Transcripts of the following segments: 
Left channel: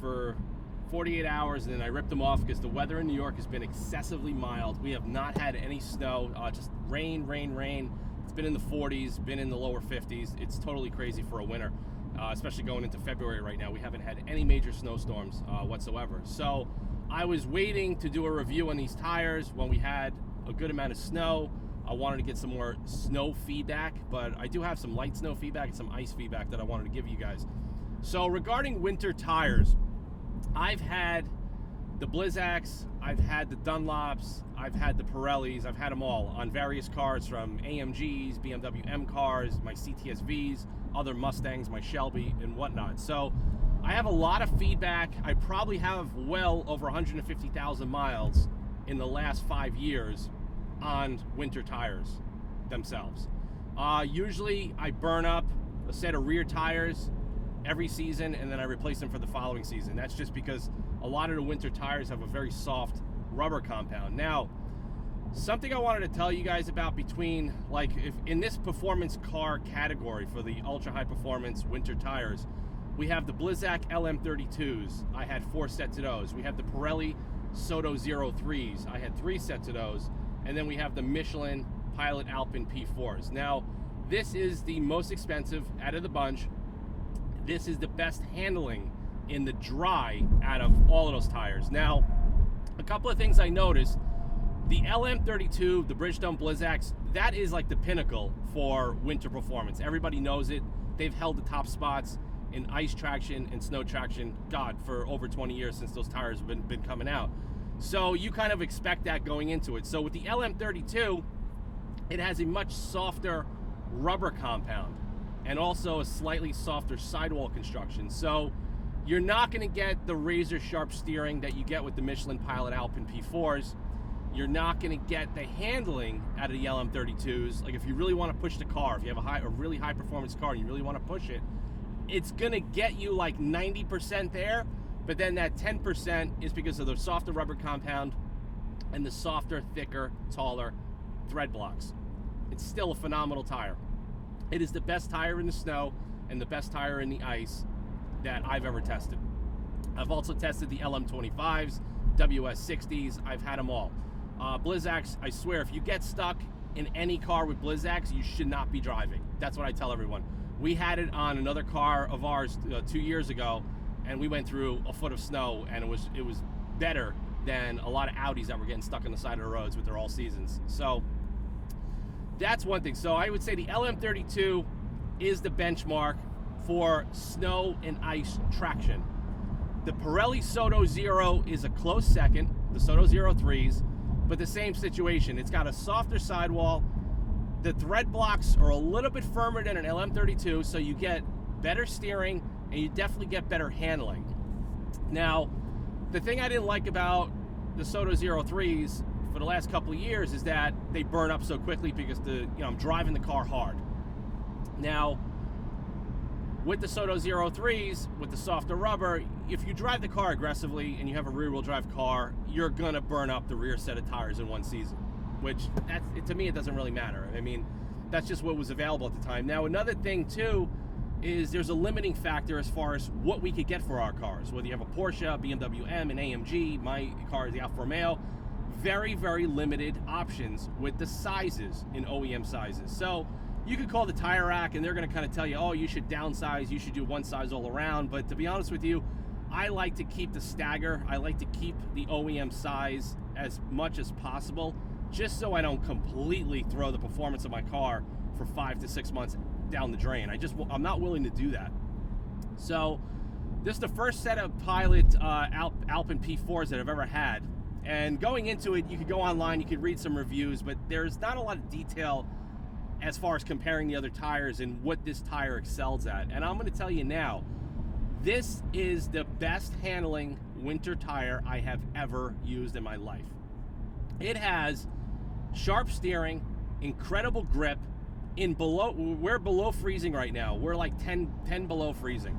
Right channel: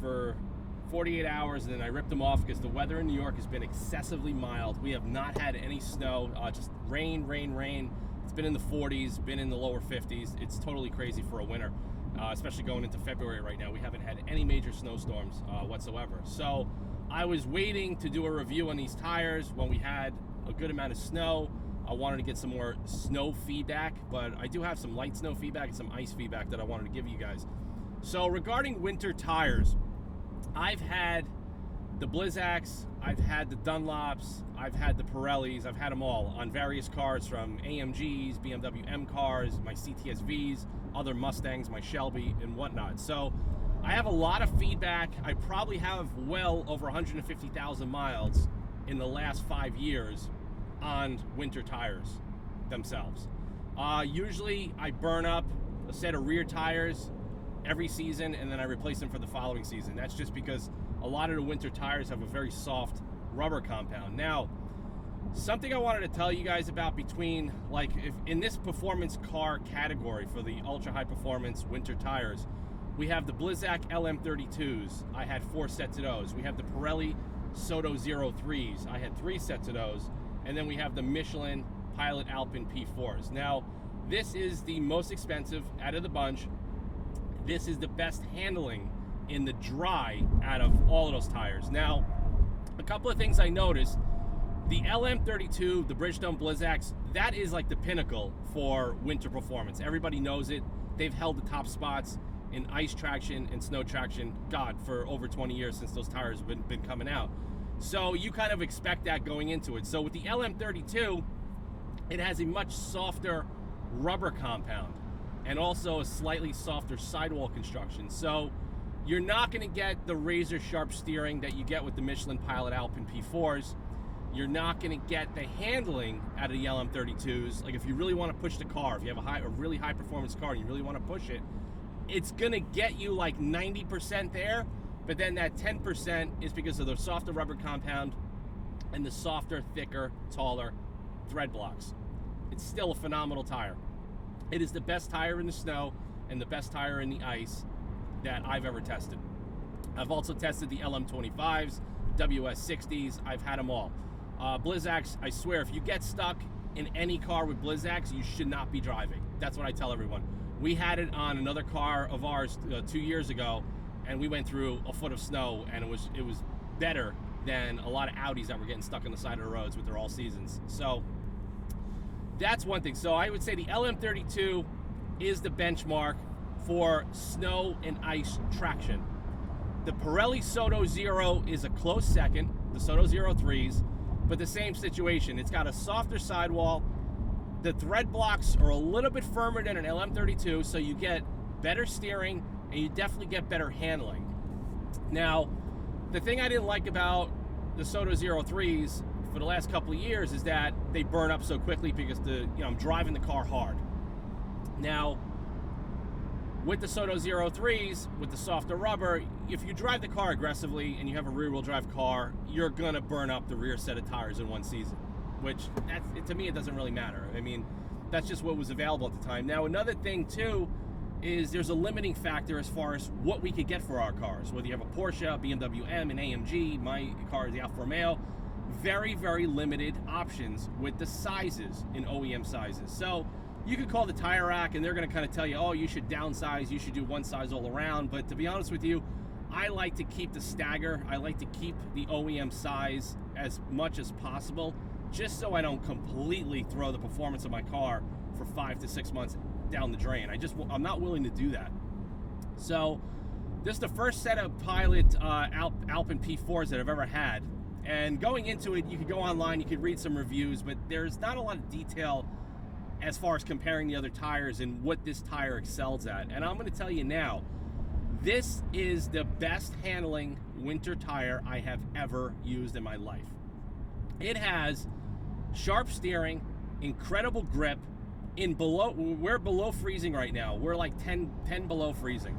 for 48 hours, and then I ripped them off because the weather in New York has been excessively mild. We have not had any snow, just rain, rain, rain. It's been in the 40s, been in the lower 50s. It's totally crazy for a winter, especially going into February right now. We haven't had any major snowstorms whatsoever. So I was waiting to do a review on these tires when we had a good amount of snow. I wanted to get some more snow feedback, but I do have some light snow feedback and some ice feedback that I wanted to give you guys. So regarding winter tires, I've had the Blizzacs, I've had the Dunlops, I've had the Pirellis, I've had them all on various cars, from AMGs, BMW M cars, my CTSVs, other Mustangs, my Shelby, and whatnot. So I have a lot of feedback. I probably have well over 150,000 miles in the last 5 years on winter tires themselves. Usually I burn up a set of rear tires every season, and then I replace them for the following season. That's just because a lot of the winter tires have a very soft rubber compound. Now, something I wanted to tell you guys about between, like, if in this performance car category for the ultra high performance winter tires, we have the Blizzac LM32s. I had 4 sets of those. We have the Pirelli Soto 03s. I had 3 sets of those. And then we have the Michelin Pilot Alpin P4s. Now, this is the most expensive out of the bunch. This is the best handling in the dry out of all of those tires. Now, a couple of things I noticed. The LM32, the Bridgestone Blizzacs, that is like the pinnacle for winter performance. Everybody knows it. They've held the top spots in ice traction and snow traction, God, for over 20 years since those tires have been coming out. So you kind of expect that going into it. So with the LM32, it has a much softer rubber compound and also a slightly softer sidewall construction. So you're not going to get the razor sharp steering that you get with the Michelin Pilot Alpin P4s. You're not going to get the handling out of the LM32s. Like, if you really want to push the car, if you have a really high performance car and you really want to push it, it's going to get you like 90% there. But then that 10% is because of the softer rubber compound and the softer, thicker, taller thread blocks. It's still a phenomenal tire. It is the best tire in the snow and the best tire in the ice that I've ever tested. I've also tested the LM25s, WS60s. I've had them all. Blizzacs, I swear, if you get stuck in any car with Blizzacs, you should not be driving. That's what I tell everyone. We had it on another car of ours 2 years ago, and we went through a foot of snow, and it was better than a lot of Audis that were getting stuck on the side of the roads with their all seasons. So that's one thing. So I would say the LM32 is the benchmark for snow and ice traction. The Pirelli Soto Zero is a close second, the Soto 03s, but the same situation. It's got a softer sidewall. The thread blocks are a little bit firmer than an LM32, so you get better steering and you definitely get better handling. Now, the thing I didn't like about the Soto 03s for the last couple of years is that they burn up so quickly because I'm driving the car hard. Now, with the Soto 03s, with the softer rubber, if you drive the car aggressively and you have a rear-wheel drive car, you're gonna burn up the rear set of tires in one season, which to me, it doesn't really matter. I mean, that's just what was available at the time. Now, another thing too is there's a limiting factor as far as what we could get for our cars. Whether you have a Porsche, a BMW M, an AMG, my car is the Alfa Romeo, very, very limited options with the sizes in OEM sizes. So you could call the tire rack and they're gonna kind of tell you, oh, you should downsize, you should do one size all around. But to be honest with you, I like to keep the stagger. I like to keep the OEM size as much as possible, just so I don't completely throw the performance of my car for 5 to 6 months down the drain. I'm not willing to do that. So this is the first set of Pilot Alpin P4s that I've ever had. And going into it, you could go online, you could read some reviews, but there's not a lot of detail as far as comparing the other tires and what this tire excels at. And I'm going to tell you now, this is the best handling winter tire I have ever used in my life. It has sharp steering, incredible grip. We're below freezing right now. We're like 10 below freezing.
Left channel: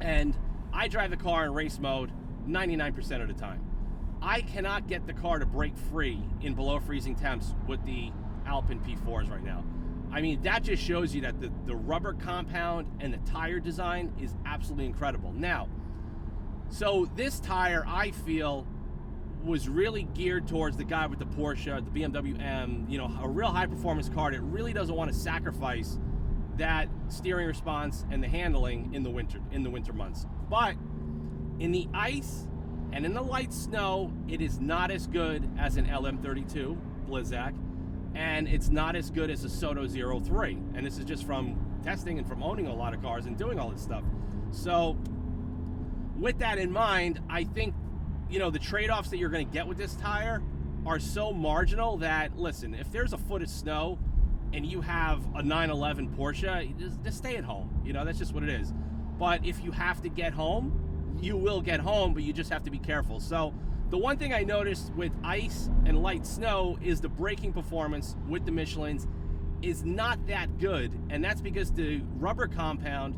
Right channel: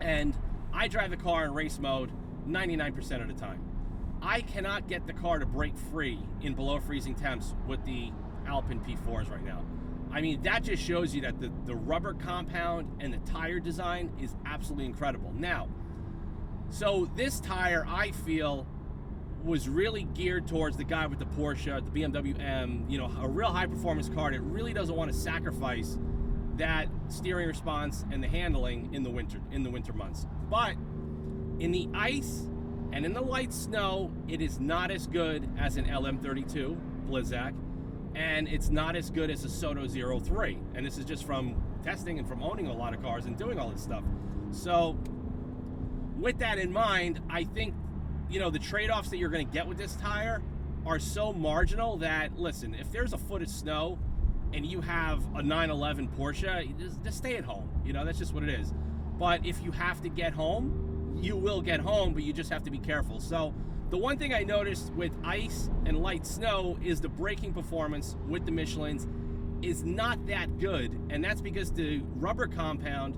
And I drive the car in race mode 99% of the time. I cannot get the car to break free in below freezing temps with the Alpin P4s right now. I mean, that just shows you that the rubber compound and the tire design is absolutely incredible. Now, So this tire, I feel, was really geared towards the guy with the Porsche, the BMW M, you know, a real high performance car that really doesn't want to sacrifice that steering response and the handling in the winter months. But in the ice and in the light snow, it is not as good as an LM32 Blizzak, and it's not as good as a Soto 03. And this is just from testing and from owning a lot of cars and doing all this stuff. So with that in mind, I think, you know, the trade-offs that you're going to get with this tire are so marginal that, listen, if there's a foot of snow and you have a 911 Porsche, just stay at home. You know, that's just what it is. But if you have to get home, you will get home, but you just have to be careful. So the one thing I noticed with ice and light snow is the braking performance with the Michelins is not that good, and that's because the rubber compound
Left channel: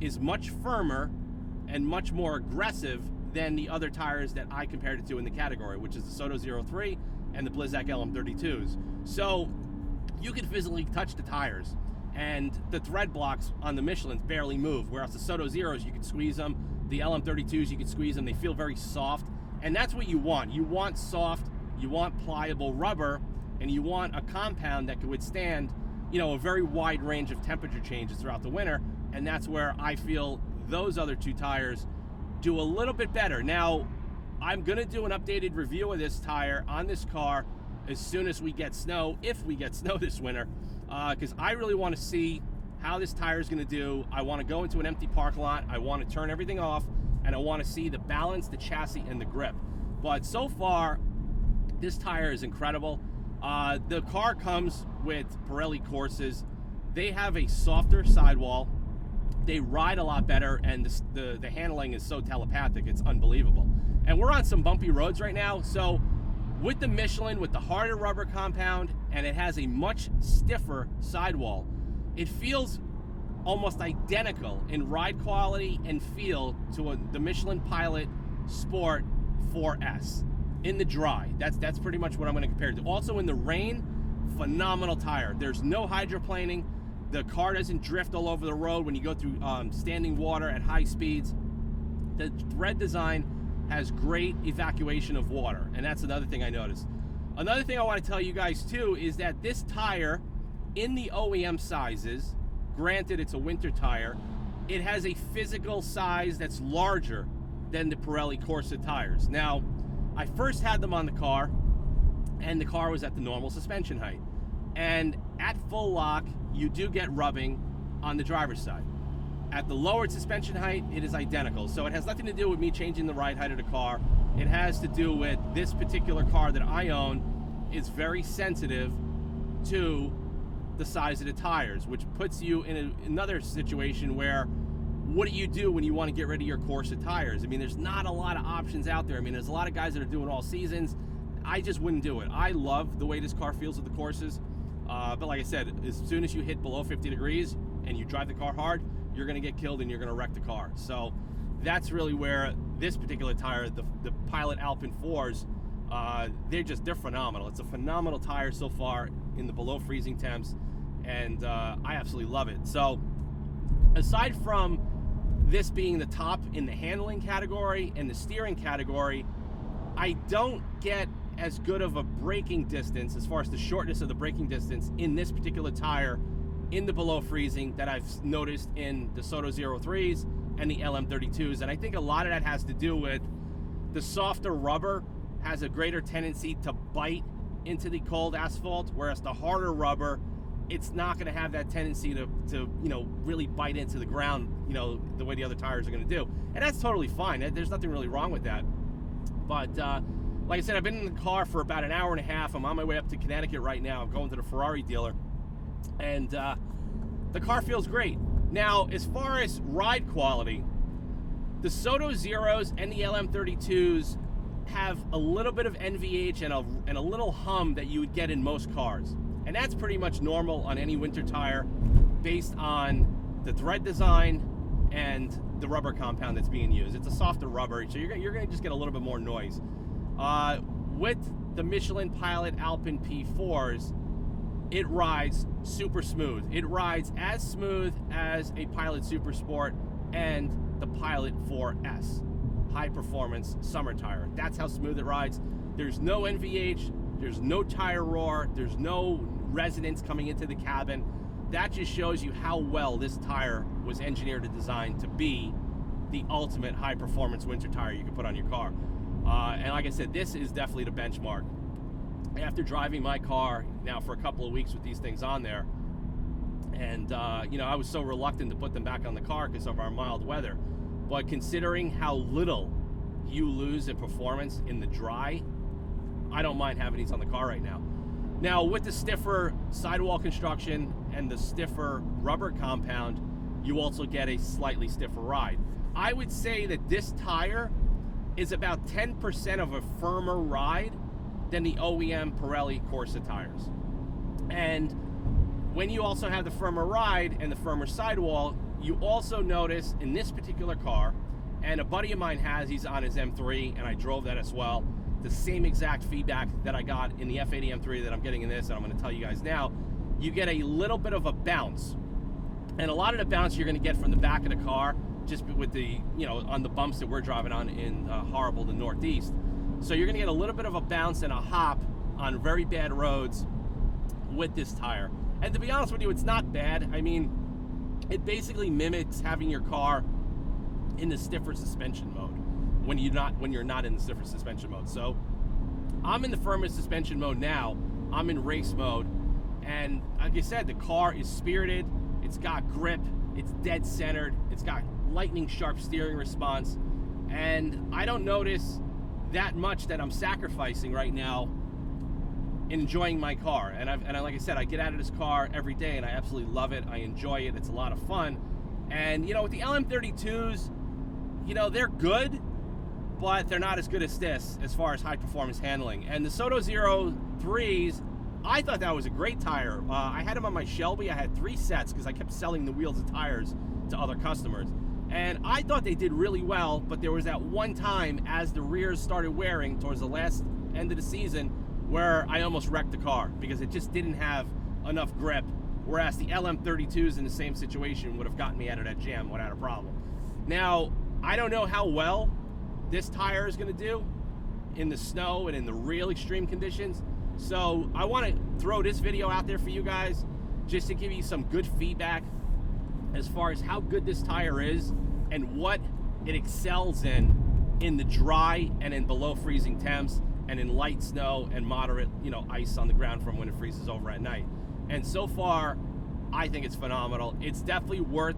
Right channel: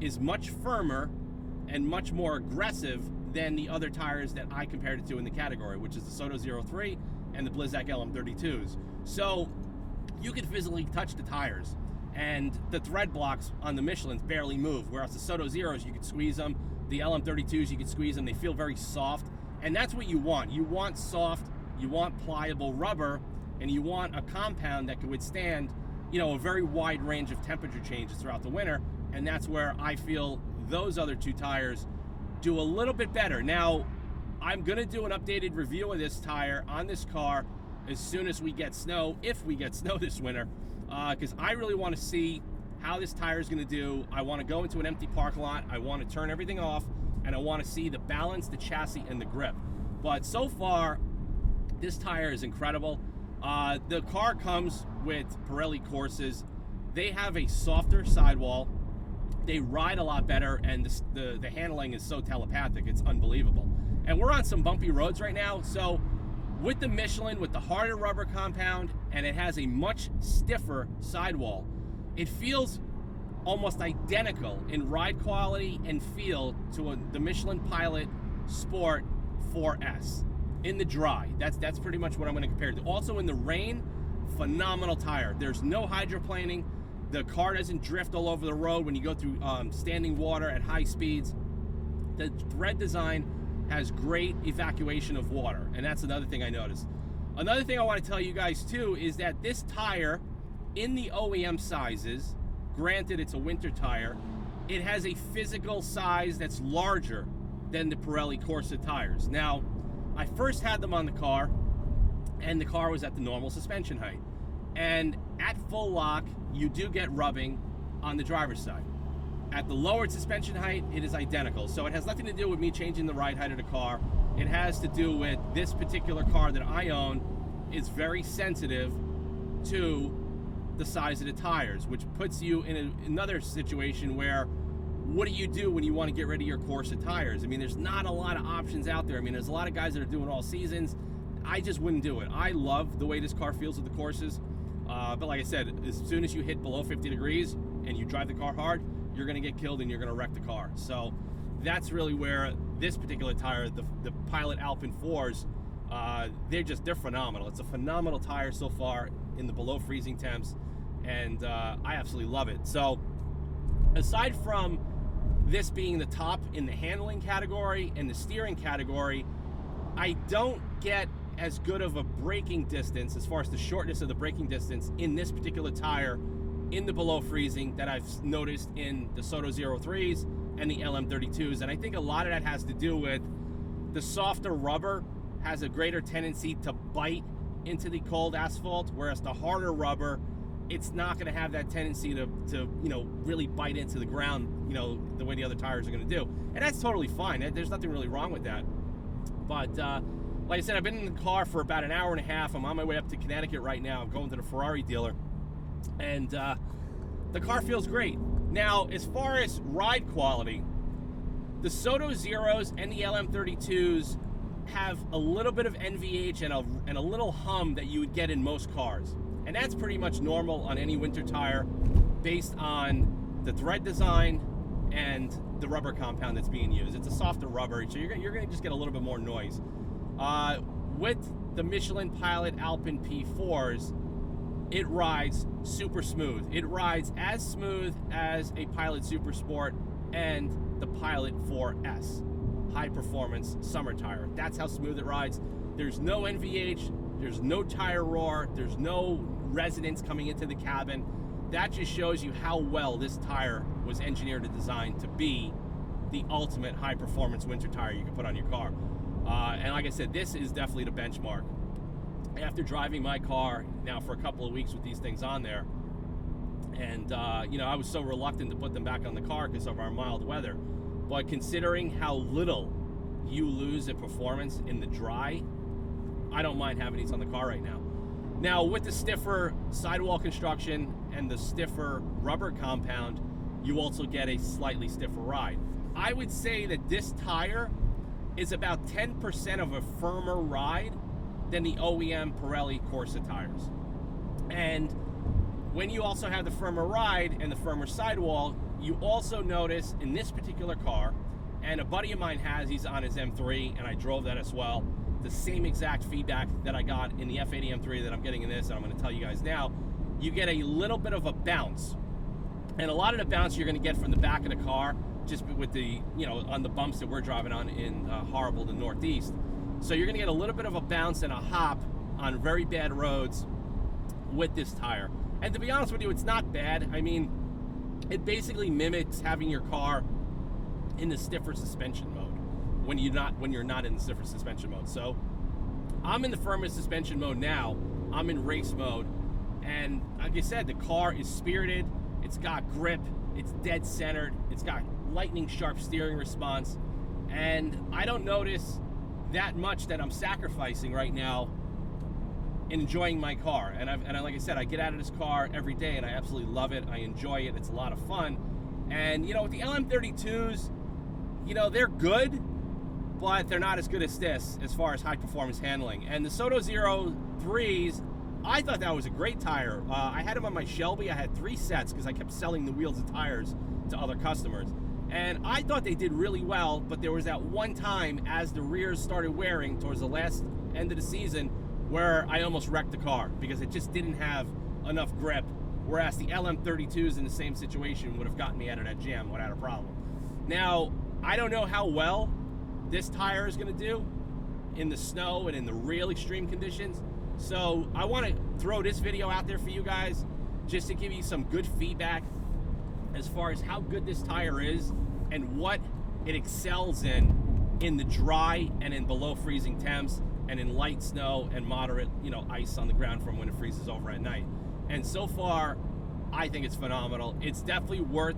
is much firmer and much more aggressive than the other tires that I compared it to in the category, which is the Soto 03 and the Blizzak LM32s. So you can physically touch the tires, and the thread blocks on the Michelins barely move, whereas the Soto Zeros, you can squeeze them. The LM32s, you can squeeze them. They feel very soft, and that's what you want. You want soft, you want pliable rubber, and you want a compound that can withstand, you know, a very wide range of temperature changes throughout the winter, and that's where I feel those other two tires do a little bit better. Now, I'm gonna do an updated review of this tire on this car as soon as we get snow, if we get snow this winter, because I really want to see how this tire is going to do. I want to go into an empty parking lot, I want to turn everything off, and I want to see the balance, the chassis, and the grip. But so far, this tire is incredible. The car comes with Pirelli Corsas. They have a softer sidewall, they ride a lot better, and the handling is so telepathic, it's unbelievable. And we're on some bumpy roads right now, so with the Michelin, with the harder rubber compound, and it has a much stiffer sidewall, it feels almost identical in ride quality and feel to the Michelin Pilot Sport 4S in the dry. That's pretty much what I'm going to compare it to. Also in the rain, phenomenal tire. There's no hydroplaning. The car doesn't drift all over the road when you go through standing water at high speeds. The thread design has great evacuation of water, and that's another thing I noticed. Another thing I want to tell you guys too is that this tire in the OEM sizes, granted it's a winter tire, it has a physical size that's larger than the Pirelli Corsa tires. Now, I first had them on the car, and the car was at the normal suspension height. And at full lock, you do get rubbing on the driver's side. At the lowered suspension height, it is identical. So it has nothing to do with me changing the ride height of the car. It has to do with this particular car that I own is very sensitive to the size of the tires, which puts you in another situation where, what do you do when you want to get rid of your Corsa tires? I mean, there's not a lot of options out there. I mean, there's a lot of guys that are doing all seasons. I just wouldn't do it. I love the way this car feels with the Corsas. But like I said, as soon as you hit below 50 degrees and you drive the car hard, you're going to get killed and you're going to wreck the car. So that's really where this particular tire, the Pilot Alpin 4s, they're phenomenal. It's a phenomenal tire so far in the below freezing temps, and I absolutely love it. So aside from this being the top in the handling category and the steering category, I don't get as good of a braking distance as far as the shortness of the braking distance in this particular tire in the below freezing that I've noticed in the Soto 03s and the LM32s. And I think a lot of that has to do with the softer rubber has a greater tendency to bite into the cold asphalt, whereas the harder rubber, it's not going to have that tendency to you know, really bite into the ground, you know, the way the other tires are going to do. And that's totally fine. There's nothing really wrong with that. But like I said, I've been in the car for about an hour and a half. I'm on my way up to Connecticut right now. I'm going to the Ferrari dealer, and the car feels great. Now, as far as ride quality, the Soto Zeros and the LM32s have a little bit of NVH and a little hum that you would get in most cars. And that's pretty much normal on any winter tire based on the thread design and the rubber compound that's being used. It's a softer rubber, so you're going to just get a little bit more noise. With the Michelin Pilot Alpin P4s, it rides super smooth. It rides as smooth as a Pilot Super Sport and the Pilot 4S. high-performance summer tire. That's how smooth it rides. There's no NVH, there's no tire roar, there's no resonance coming into the cabin. That just shows you how well this tire was engineered and designed to be the ultimate high-performance winter tire you can put on your car. And like I said, this is definitely the benchmark. After driving my car now for a couple of weeks with these things on there, and you know, I was so reluctant to put them back on the car because of our mild weather, but considering how little you lose in performance in the dry, I don't mind having these on the car right now. Now, with the stiffer sidewall construction and the stiffer rubber compound, you also get a slightly stiffer ride. I would say that this tire is about 10% of a firmer ride than the OEM Pirelli Corsa tires. And when you also have the firmer ride and the firmer sidewall, you also notice in this particular car, and a buddy of mine has, he's on his M3, and I drove that as well, the same exact feedback that I got in the F80 M3 that I'm getting in this, and I'm going to tell you guys now. You get a little bit of a bounce, and a lot of the bounce you're going to get from the back of the car, just with the, you know, on the bumps that we're driving on in horrible the Northeast. So you're going to get a little bit of a bounce and a hop on very bad roads with this tire. And to be honest with you, it's not bad. I mean, it basically mimics having your car in the stiffer suspension mode when you're not in the stiffer suspension mode. So I'm in the firmer suspension mode now. I'm in race mode, and like I said, the car is spirited. It's got grip. It's dead centered. It's got lightning sharp steering response, and I don't notice that much that I'm sacrificing right now in enjoying my car. And like I said, I get out of this car every day, and I absolutely love it. I enjoy it. It's a lot of fun. And you know, with the LM32s, you know, they're good, but they're not as good as this as far as high performance handling. And the Soto 03s, I thought that was a great tire. I had them on my Shelby. I had 3 sets because I kept selling the wheels and tires to other customers. And I thought they did really well, but there was that one time as the rears started wearing towards the last end of the season where I almost wrecked the car because it just didn't have enough grip, whereas the LM32s in the same situation would have gotten me out of that jam without a problem. Now, I don't know how well this tire is going to do in the snow and in the real extreme conditions, so I want to throw this video out there for you guys just to give you some good feedback as far as how good this tire is and what it excels in the dry and in below freezing temps and in light snow and moderate, you know, ice on the ground from when it freezes over at night. And so far, I think it's phenomenal. It's definitely worth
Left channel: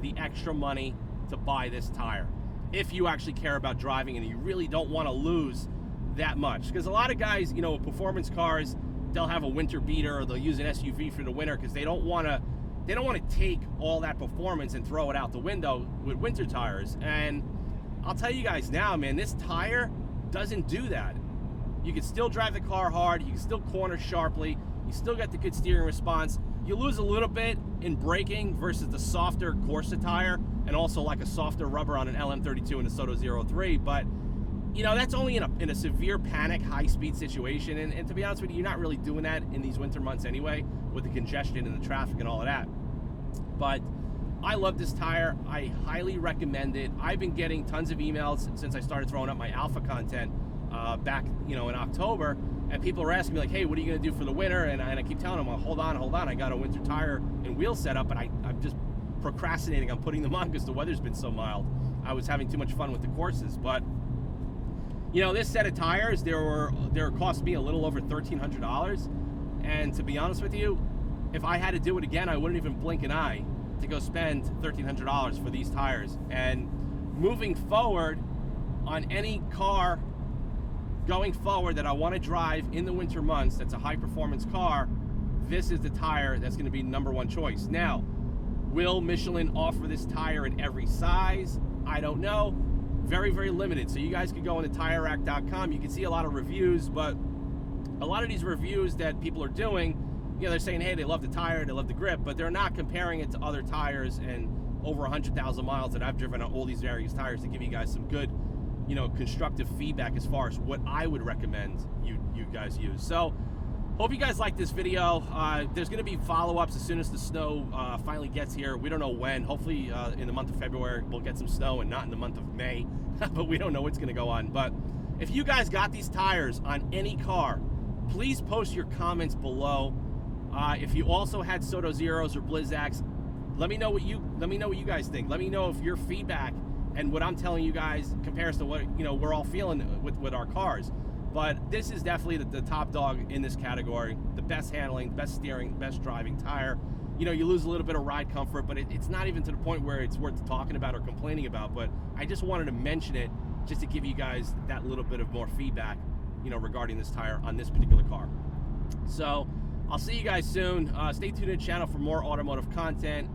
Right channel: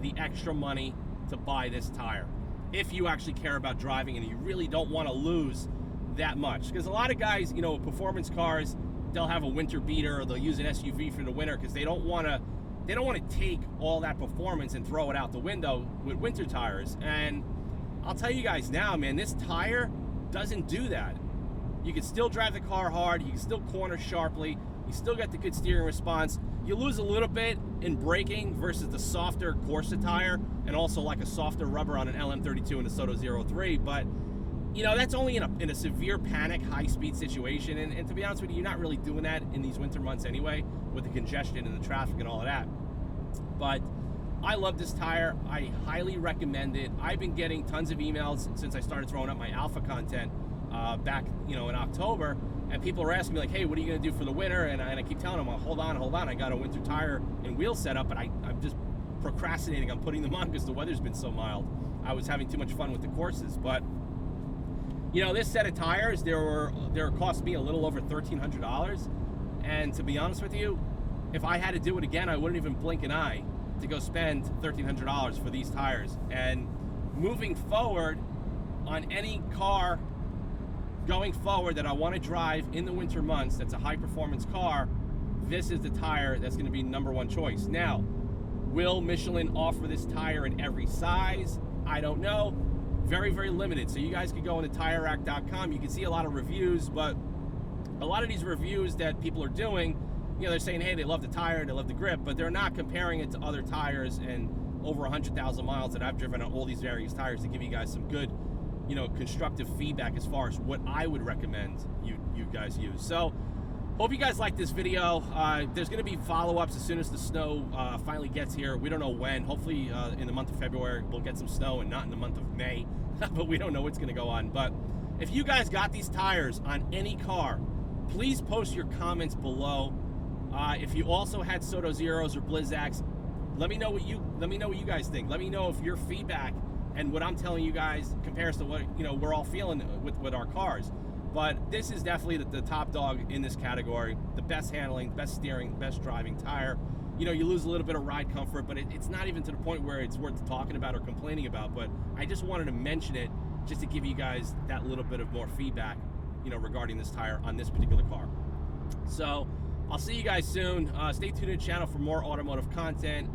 the extra money to buy this tire if you actually care about driving and you really don't want to lose that much. Because a lot of guys, you know, with performance cars, they'll have a winter beater or they'll use an SUV for the winter because they don't want to take all that performance and throw it out the window with winter tires. And I'll tell you guys now, man, this tire doesn't do that. You can still drive the car hard, you can still corner sharply, you still get the good steering response. You lose a little bit in braking versus the softer Corsa tire, and also like a softer rubber on an LM32 and a Soto 03, but you know, that's only in a severe panic, high-speed situation, and to be honest with you, you're not really doing that in these winter months anyway, with the congestion and the traffic and all of that. But I love this tire. I highly recommend it. I've been getting tons of emails since I started throwing up my Alpha content back, you know, in October, and people are asking me like, hey, what are you going to do for the winter? And I keep telling them, well, hold on, I got a winter tire and wheel setup, but I'm just procrastinating on putting them on because the weather's been so mild. I was having too much fun with the courses, but you know, this set of tires, they cost me a little over $1,300, and to be honest with you, if I had to do it again, I wouldn't even blink an eye to go spend $1,300 for these tires. And moving forward, on any car going forward that I want to drive in the winter months that's a high performance car, this is the tire that's going to be #1 choice. Now, will Michelin offer this tire in every size? I don't know. Very, very limited. So you guys could go into TireRack.com. You can see a lot of reviews, but a lot of these reviews that people are doing, you know, they're saying, hey, they love the tire, they love the grip, but they're not comparing it to other tires and over 100,000 miles that I've driven on all these various tires to give you guys some good, you know, constructive feedback as far as what I would recommend you guys use. So Hope you guys like this video. There's going to be follow-ups as soon as the snow finally gets here. We don't know when. Hopefully in the month of February we'll get some snow, and not in the month of May. But we don't know what's going to go on. But if you guys got these tires on any car, please post your comments below. If you also had Soto Zeros or Blizzaks, let me know what you guys think. Let me know if your feedback and what I'm telling you guys compares to what we're all feeling with our cars. But this is definitely the top dog in this category. The best handling, best steering, best driving tire. You lose a little bit of ride comfort, but it's not even to the point where it's worth talking about or complaining about. But I just wanted to mention it just to give you guys that little bit of more feedback, regarding this tire on this particular car. So I'll see you guys soon. Stay tuned to the channel for more automotive content.